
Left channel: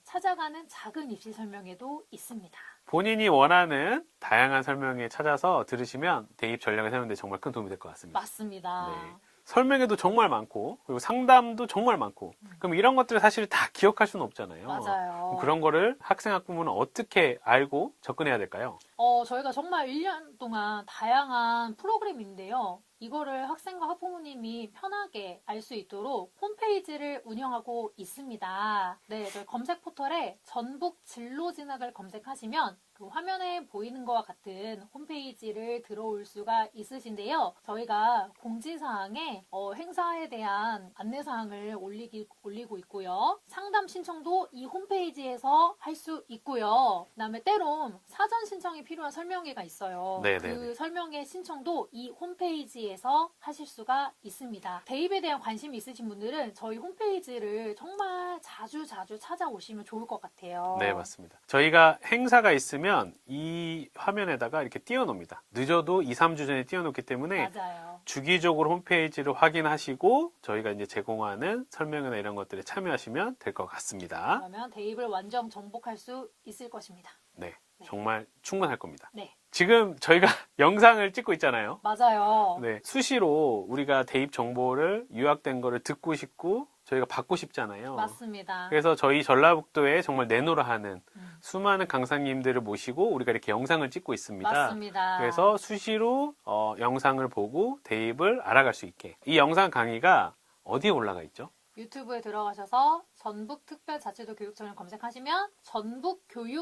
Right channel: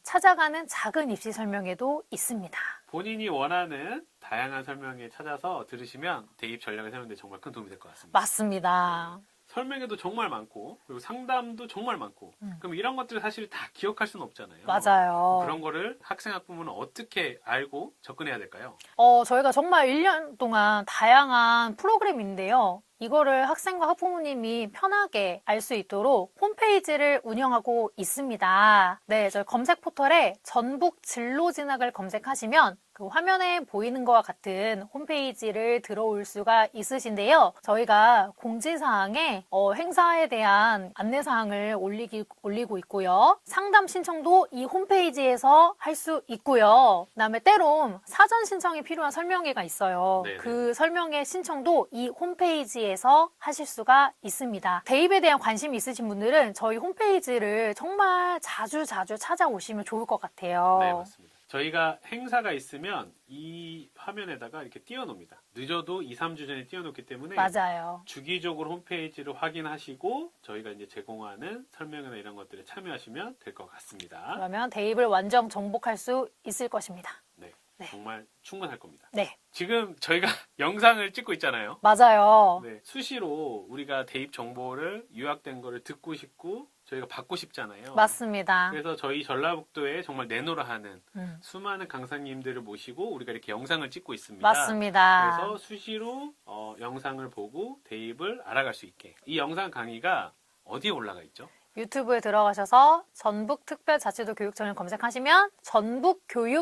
찾아가는 작은 입시 설명회도 있습니다. 본인이 원하는 다양한 설명회 찾아서 들으시면 대입 전략을 세우는데 정말 큰 도움이 될 것 같습니다. 맞습니다. 네. 설명회도 정말 많고 그리고 상담도 정말 많고 그럼 이런 것들을 사실 다 기억할 수는 없잖아요. 맞아요. 그런 거를 학생 학부모는 어떻게 알고 접근해야 될까요? 저희가 정말 1년 동안 다양한 프로그램인데요. 이거를 학생과 학부모님이 편하게 알 수 있도록 홈페이지를 운영하고 있습니다. 네, 저희 검색 포털에 전북 진로 진학을 검색하시면 그 화면에 보이는 것과 같은 홈페이지를 들어올 수가 있으신데요. 저희가 공지사항에 행사에 대한 안내사항을 올리고 있고요. 상담 신청도 이 홈페이지에서 할 수 있고요. 그다음에 때론 사전 신청이 필요한 설명회가 있어요. 네네네. 그 설명회 신청도 이 홈페이지에서 하실 수가 있습니다. 대입에 대한 관심이 있으신 분들은 저희 홈페이지를 정말 자주 찾아오시면 좋을 것 같아요. 네, 맞습니다. 저희가 행사가 있으면 이 화면에다가 이렇게 띄워놓습니다. 늦어도 2, 3주 전에 띄워놓기 때문에 맞아요. 주기적으로 홈페이지를 확인하시고 저희가 이제 제공하는 설명회나 이런 것들에 참여하시면 될 것 같습니다. 그러면 대입을 완전 정복할 수 있을 것입니다. 네, 네. 정말 충분할 겁니다. 네, 지금 저희가 영상을 찍고 있잖아요. 맞아요. 네, 수시로 우리가 대입 정보를 요약된 거를 듣고 싶고 저희가 받고 싶잖아요. 맞습니다. 그래서 저희 전라북도에 정말 내노라 하는 음, 수많은 강사님들을 모시고 우리가 이렇게 영상을 찍고 있습니다. 맞습니다. 그래서 수시로 영상을 보고 대입을 알아갈 수 있게. 이 영상 강의가 어디에 올라가 있죠? 유튜브에 들어가셔서 전북특별자치도 교육청을 검색하시면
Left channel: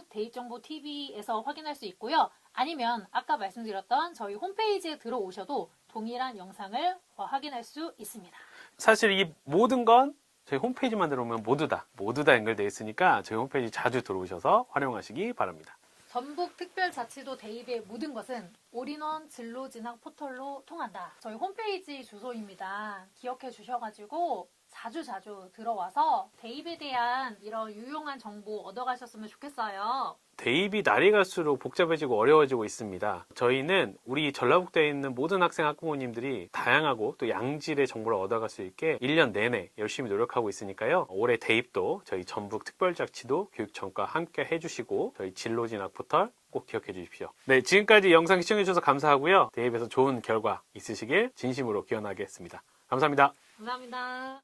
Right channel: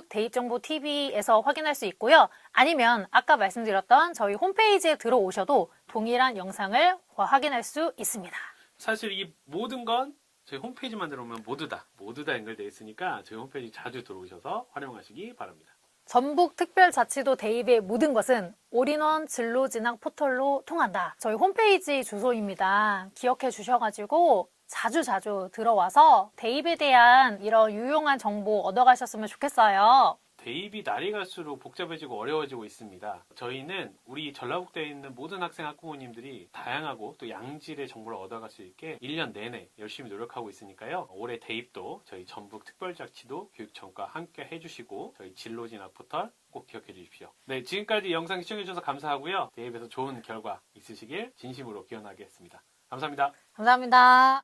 전북교육대입정보TV에서 확인할 수 있고요. 아니면 아까 말씀드렸던 저희 홈페이지에 들어오셔도 동일한 영상을 확인할 수 있습니다. 사실 이 모든 건 저희 홈페이지만 들어오면 모두 다 연결되어 있으니까 저희 홈페이지 자주 들어오셔서 활용하시기 바랍니다. 전북특별자치도 대입의 모든 것은 올인원 진로진학 포털로 통한다. 저희 홈페이지 주소입니다. 기억해 주셔가지고 자주 들어와서 대입에 대한 이런 유용한 정보 얻어가셨으면 좋겠어요. 대입이 날이 갈수록 복잡해지고 어려워지고 있습니다. 저희는 우리 전라북도에 있는 모든 학생 학부모님들이 다양하고 또 양질의 정보를 얻어갈 수 있게 1년 내내 열심히 노력하고 있으니까요. 올해 대입도 저희 전북특별자치도 교육청과 함께 해주시고 저희 진로진학 포털 꼭 기억해 주십시오. 네, 지금까지 영상 시청해 주셔서 감사하고요. 대입에서 좋은 결과 있으시길 진심으로 기원하겠습니다. 감사합니다. 감사합니다.